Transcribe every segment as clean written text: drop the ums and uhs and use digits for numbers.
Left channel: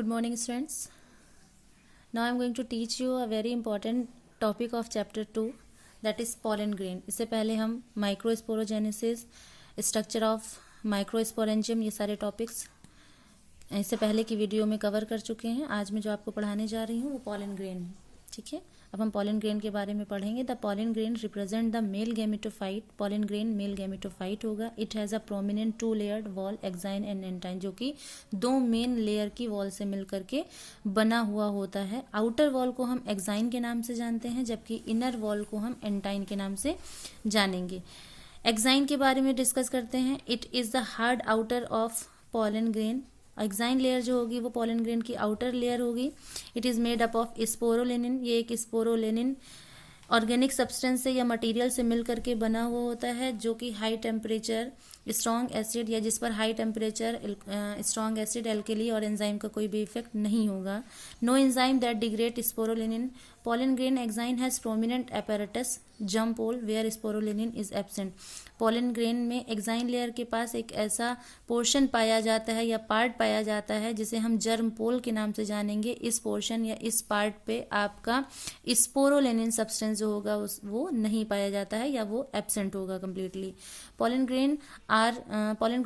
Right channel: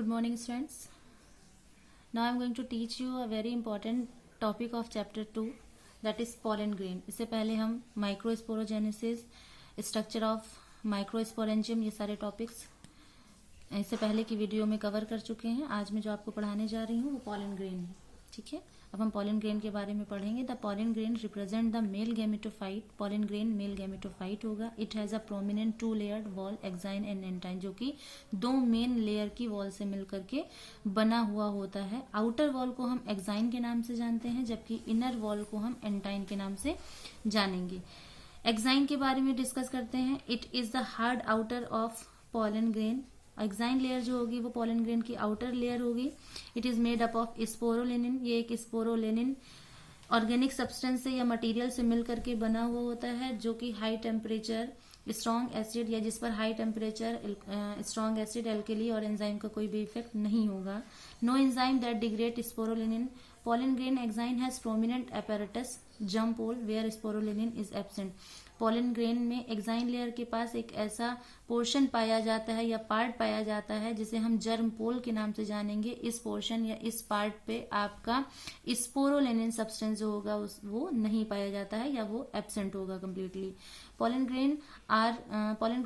Good morning, students. Now I am going to teach you a very important topic of chapter 2, that is pollen grain. इससे पहले हम microsporogenesis, structure of microsporangium, ये सारे topics इससे पहले की video में कवर कर चुके हैं. आज मैं जो आपको पढ़ाने जा रही हूँ वो pollen grain है. ठीक है, अब हम pollen grain के बारे में पढ़ेंगे. The pollen grain represent the male gametophyte. pollen grain male gametophyte होगा. It has a prominent 2 layered wall, exine and intine, जो कि 2 मेन लेयर की वॉल से मिलकर के बना हुआ होता है. आउटर वॉल को हम एक्साइन के नाम से जानते हैं, जबकि इनर वॉल को हम एंटाइन के नाम से जानेंगे. एक्साइन के बारे में डिस्कस करते हैं. It is the hard outer of pollen grain. Exine layer जो होगी वो पोलन ग्रेन की आउटर लेयर होगी. It is made up of sporopollenin. ये एक स्पोरोलेनिन ऑर्गेनिक सब्सटेंस से या मटेरियल से मिल करके बना हुआ होता है, जो कि हाई टेम्परेचर स्ट्रॉन्ग एसिड या जिस पर high temperature strong acid, alkali और एंजाइम का कोई भी इफेक्ट नहीं होगा. No enzyme that degrade sporopollenin. pollen grain enzyme has prominent apparatus germ pole where sporulenin is absent. pollen grain में एक्साइन लेयर के पास एक ऐसा पोर्शन पाया जाता है या पार्ट पाया जाता है जिसे हम जर्म पोल के नाम से जानेंगे. इस पोर्शन या इस पार्ट पे आपका स्पोरोलेनिन सब्सटेंस जो होगा वो नहीं पाया जाता है या वो एब्सेंट होगा completely. pollen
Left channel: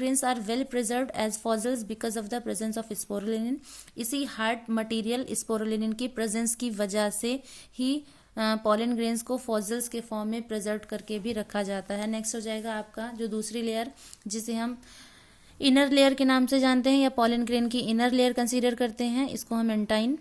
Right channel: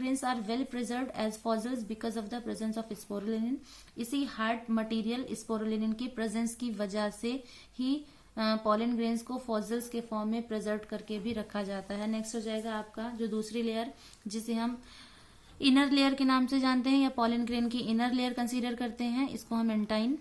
grains are well preserved as fossils because of the presence of sporulenin. इसी हार्ड मटेरियल स्पोरुलिन की प्रेजेंस की वजह से ही pollen grains को फॉसिल्स के फॉर्म में प्रिजर्व करके भी रखा जाता है. नेक्स्ट हो जाएगा आपका जो दूसरी लेयर, जिसे हम इनर लेयर के नाम से जानते हैं या pollen grain की इनर लेयर कंसीडर करते हैं. इसको हम एंटाइन.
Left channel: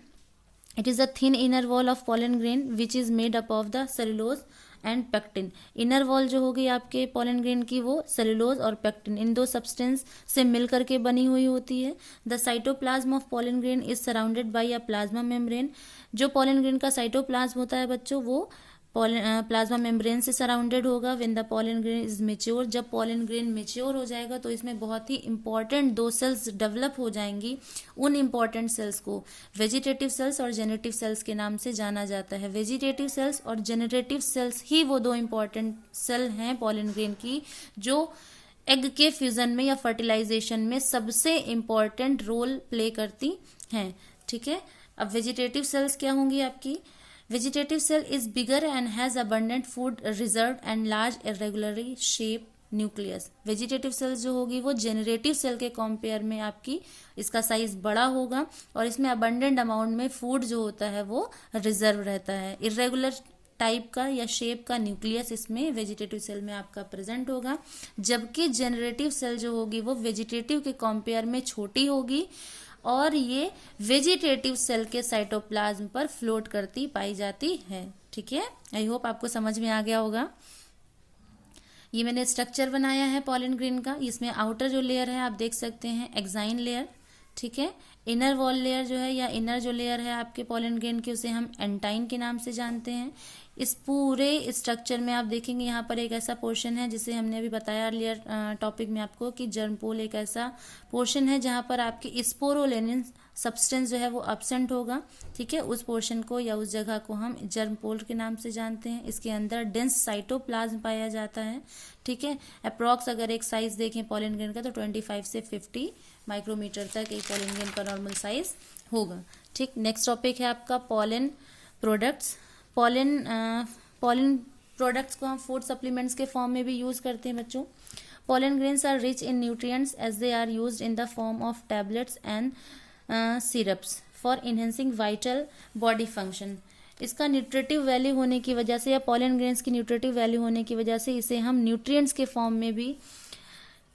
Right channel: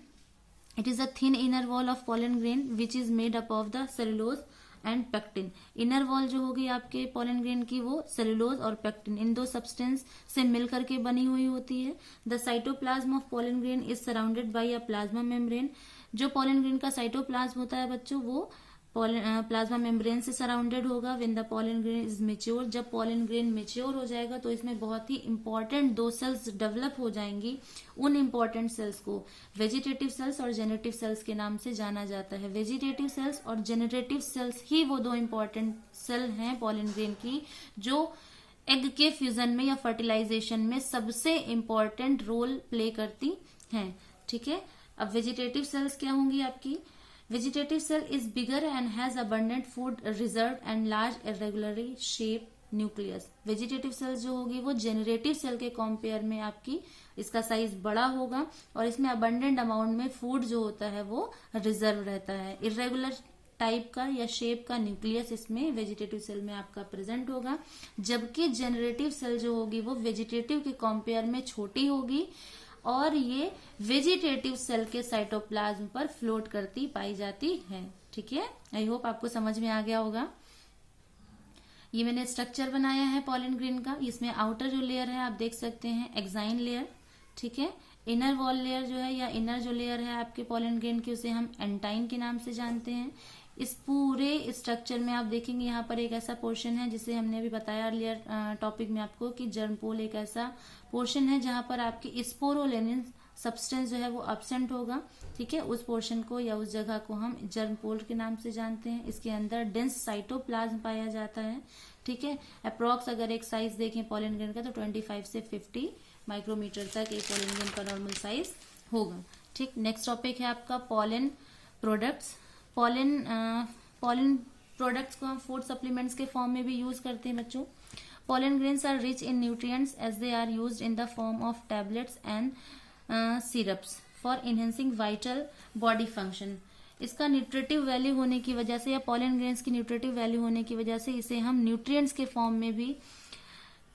It is a thin inner wall of pollen grain which is made up of the cellulose and pectin. Inner wall जो होगी आपके pollen grain की वो सेलुलोज और पेक्टिन, इन दो सब्सटेंस से मिल करके बनी हुई होती है. The cytoplasm of pollen grain is surrounded by a plasma membrane. जो pollen grain का साइटोप्लाज्म होता है बच्चों, वो प्लाज्मा मेम्ब्रेन से सराउंडेड होगा. When the pollen grain is mature, जब pollen grain मेच्योर हो जाएगा तो इसमें बहुत ही इंपॉर्टेंट 2 सेल्स डेवलप हो जाएंगी. उन इंपॉर्टेंट सेल्स को वेजिटेटिव सेल्स और जेनेरेटिव सेल्स के नाम से जाना जाता है. वेजिटेटिव सेल्स और जेनेरेटिव सेल्स ही वो 2 इंपॉर्टेंट सेल हैं pollen grain की, जो एग के फ्यूजन में या फर्टिलाइजेशन में सबसे इंपॉर्टेंट रोल प्ले करती हैं. ठीक है, अब वेजिटेटिव सेल्स क्या होंगी आपकी. Vegetative cell is bigger and has abundant food reserve and large irregularly shape nucleus. Vegetative cells जो होगी वो जेनरेटिव सेल के कंपेयर में आपकी इसका साइज बड़ा होगा और इसमें अबंडेंट अमाउंट में फूड जो होता है वो रिजर्व रहता है. इरेगुलर टाइप का या शेप का न्यूक्लियस इसमें वेजिटेटिव सेल में आपका प्रेजेंट होगा, जबकि जेनरेटिव सेल जो होगी वो वेजिटेटिव के कंपेयर में छोटी होगी और ये वेजिटेटिव सेल के साइटोप्लाज्म पर फ्लोट करती पाई जाती है. ठीक है, आई होप आपको समझ में आ गया होगा. ये मैंने स्ट्रक्चर बनाया है pollen grain का. इसमें आउटर जो लेयर है आप देख सकते हैं एक्साइन लेयर. ठीक है, इनर वॉल लेयर जो है या इनर जो लेयर है आपके pollen grain की, उसे हम एंटाइन के नाम से जानते हैं. इस पूरे स्ट्रक्चर में आप देखेंगे यहाँ पर एक ऐसा पोर्शन है जिसे हमने अभी बताया अर्लियर टॉपिक में आपको कि जर्म पोल एक ऐसा पोर्शन है जहाँ पर आपकी स्पोरोलेनिन सब्सटेंस जो है वो एब्सेंट होगा. ठीक है, उस पोर्शन को या उस जगह को हम जर्म पोल के नाम से जानते हैं. इसके अंदर डेंस साइटोप्लाज्म पाया जाता है. ठीक है, अप्रॉक्स अगर एक साइज देखें pollen grain का तो 25 से 50 माइक्रोमीटर तक एक pollen grain का नॉर्मल साइज होगा. ठीक, नेक्स्ट टॉपिक है आपका pollen प्रोडक्ट्स. pollen प्रोडक्ट्स को हम फूड सप्लीमेंट्स के फॉर्म में भी यूज करते हैं बच्चों. pollen grains are rich in nutrients as they are used in the form of tablets and syrups for enhancing vital body function. इसका न्यूट्रिटिव वैल्यू होने की वजह से या pollen grains की न्यूट्रिटिव वैल्यू होने की वजह से इसे हम न्यूट्रिएंट्स के फॉर्म में भी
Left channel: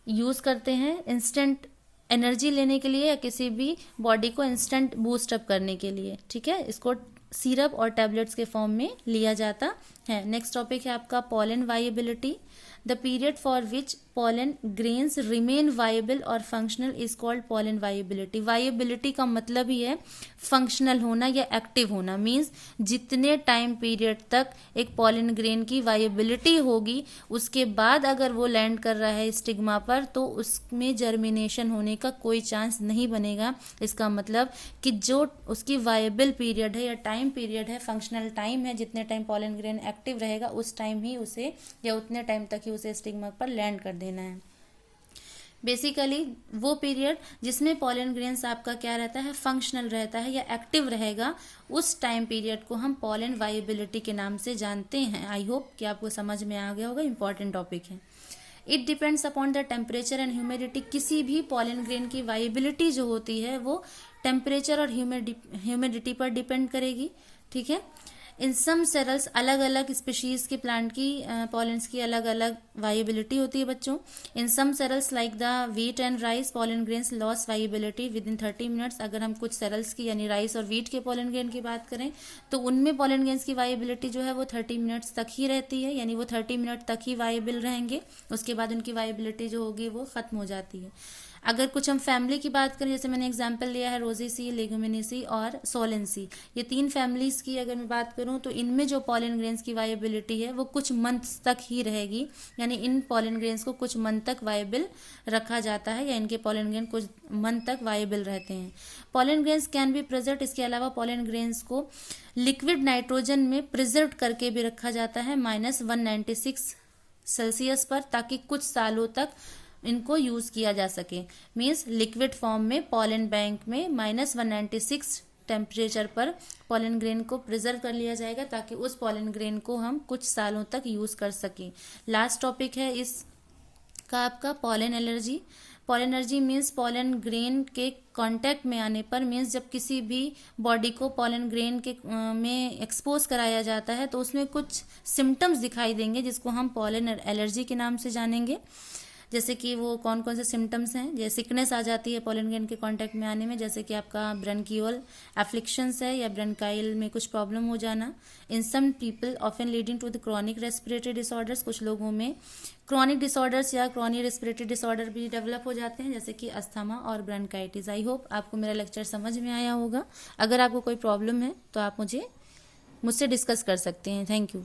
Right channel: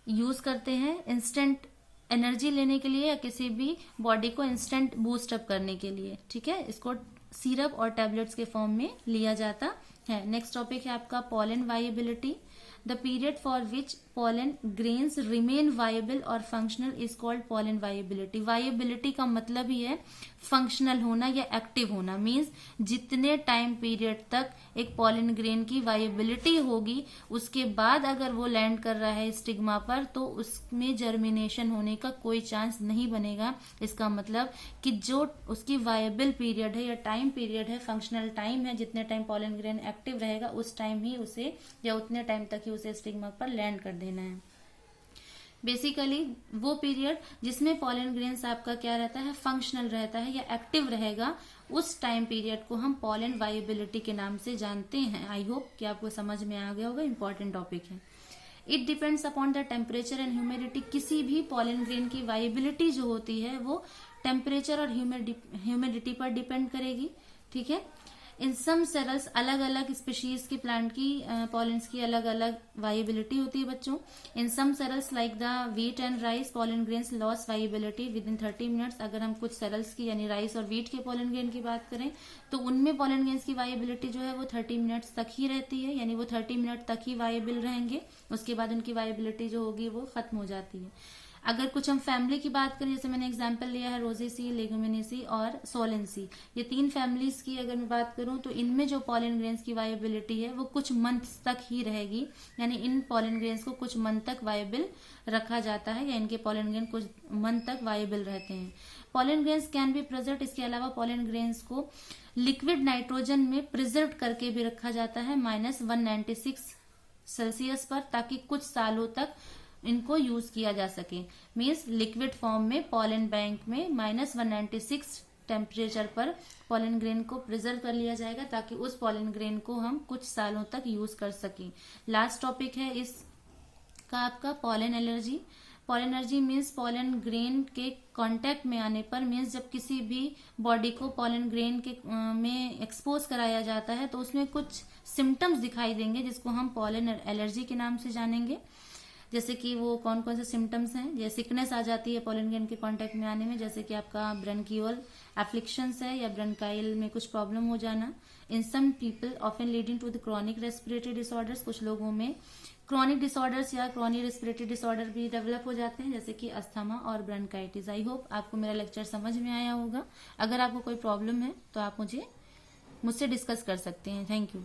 यूज करते हैं, इंस्टेंट एनर्जी लेने के लिए या किसी भी बॉडी को इंस्टेंट बूस्ट अप करने के लिए. ठीक है, इसको सिरप और टैबलेट्स के फॉर्म में लिया जाता है. नेक्स्ट टॉपिक है आपका pollen viability. The period for which pollen grains remain viable or functional is called pollen viability. viability का मतलब ही है फंक्शनल होना या एक्टिव होना. मीन्स जितने टाइम पीरियड तक एक pollen grain की वायबिलिटी होगी उसके बाद अगर वो लैंड कर रहा है स्टिग्मा पर तो उसमें जर्मिनेशन होने का कोई चांस नहीं बनेगा. इसका मतलब कि जो उसकी वायबल पीरियड है या टाइम पीरियड है, फंक्शनल टाइम है, जितने टाइम pollen grain एक्टिव रहेगा उस टाइम ही उसे या उतने टाइम तक ही उसे स्टिग्मा पर लैंड कर देना है. बेसिकली वो पीरियड जिसमें पॉलन ग्रेन्स आपका क्या रहता है, फंक्शनल रहता है या एक्टिव रहेगा, उस टाइम पीरियड को हम पॉलन वाइबिलिटी के नाम से जानते हैं। आई होप कि आपको समझ में आ गया होगा, इंपॉर्टेंट टॉपिक है। It depends upon the temperature and humidity. किसी भी पॉलन ग्रेन की वाइबिलिटी जो होती है वो टेम्परेचर और ह्यूमिडिटी पर डिपेंड करेगी, ठीक है। इन सम सेरल्स, अलग अलग स्पीशीज के प्लांट की पॉलेंस की अलग अलग वाइबिलिटी होती है बच्चों। In some cereals like the wheat and rice pollen grains loss viability within 30 minutes. अगर हम कुछ सेरल्स की यानी राइस और व्हीट के पॉलन ग्रेन की बात करें तो उनमें पॉलन ग्रेन्स की वाइबिलिटी जो है वो 30 मिनट्स तक ही रहती है, यानी वो 30 मिनट तक ही वाइबल रहेंगे, उसके बाद उनकी वाइबिलिटी जो होगी वो खत्म हो जाती है। अगर कुछ हम फैमिली की बात करें, जैसे मैंने एग्जांपल लिया है रोजेसी, लेगुमिनेसी और सोलेंसी, ये 3 फैमिलीज की अगर मैं बात करूं तो इनमें जो पॉलन ग्रेन्स की वाइबिलिटी है वो कुछ मंथ्स तक ही रहेगी, यानी इन पॉलन ग्रेन्स को कुछ मंथ तक वाइबल रखा जाता है या इनके पॉलन ग्रेन कुछ मंथ तक वाइबल रहते हैं। Pollen grains can be preserve, इसके अलावा पॉलन ग्रेन्स को लिक्विड नाइट्रोजन में प्रिजर्व करके भी रखा जाता है -196 सेल्सियस पर, ताकि कुछ सालों तक इनको यूज किया जा सके। मीन्स लिक्विड फॉर्म में पॉलन बैंक में -196 टेम्परेचर पर पॉलन ग्रेन को प्रिजर्व कर लिया जाएगा, ताकि उस पॉलन ग्रेन को हम कुछ सालों तक यूज कर सकें। लास्ट टॉपिक है इसका आपका pollen allergy. Pollen allergy means pollen grain के कांटेक्ट में आने पर, मीन्स जब किसी भी बॉडी को पॉलन ग्रेन के में एक्सपोज कराया जाता है तो उसमें कुछ सिम्टम्स दिखाई देंगे जिसको हम पॉलन एलर्जी के नाम से जानेंगे। जैसे कि वो कौन कौन से सिम्टम्स हैं, जैसे सिकनेस आ जाती है पॉलन ग्रेन के कांटेक्ट में आने में, जैसे कि आपका ब्रंकियोल एफ्लिक्शंस है या ब्रंकाइल में कुछ प्रॉब्लम हो जाना। In some people often leading to the chronic respiratory disorders, कुछ लोगों में क्रॉनिक डिसऑर्डर्स या क्रॉनिक रेस्पिरेटरी डिसऑर्डर भी डेवलप हो जाते हैं, जैसे कि अस्थमा और ब्रंकाइटिस। आई होप आपको मेरा लेक्चर समझ में आया होगा। अगर आपको कोई प्रॉब्लम है तो आप मुझसे डिस्कस कर सकते हैं। Thank you.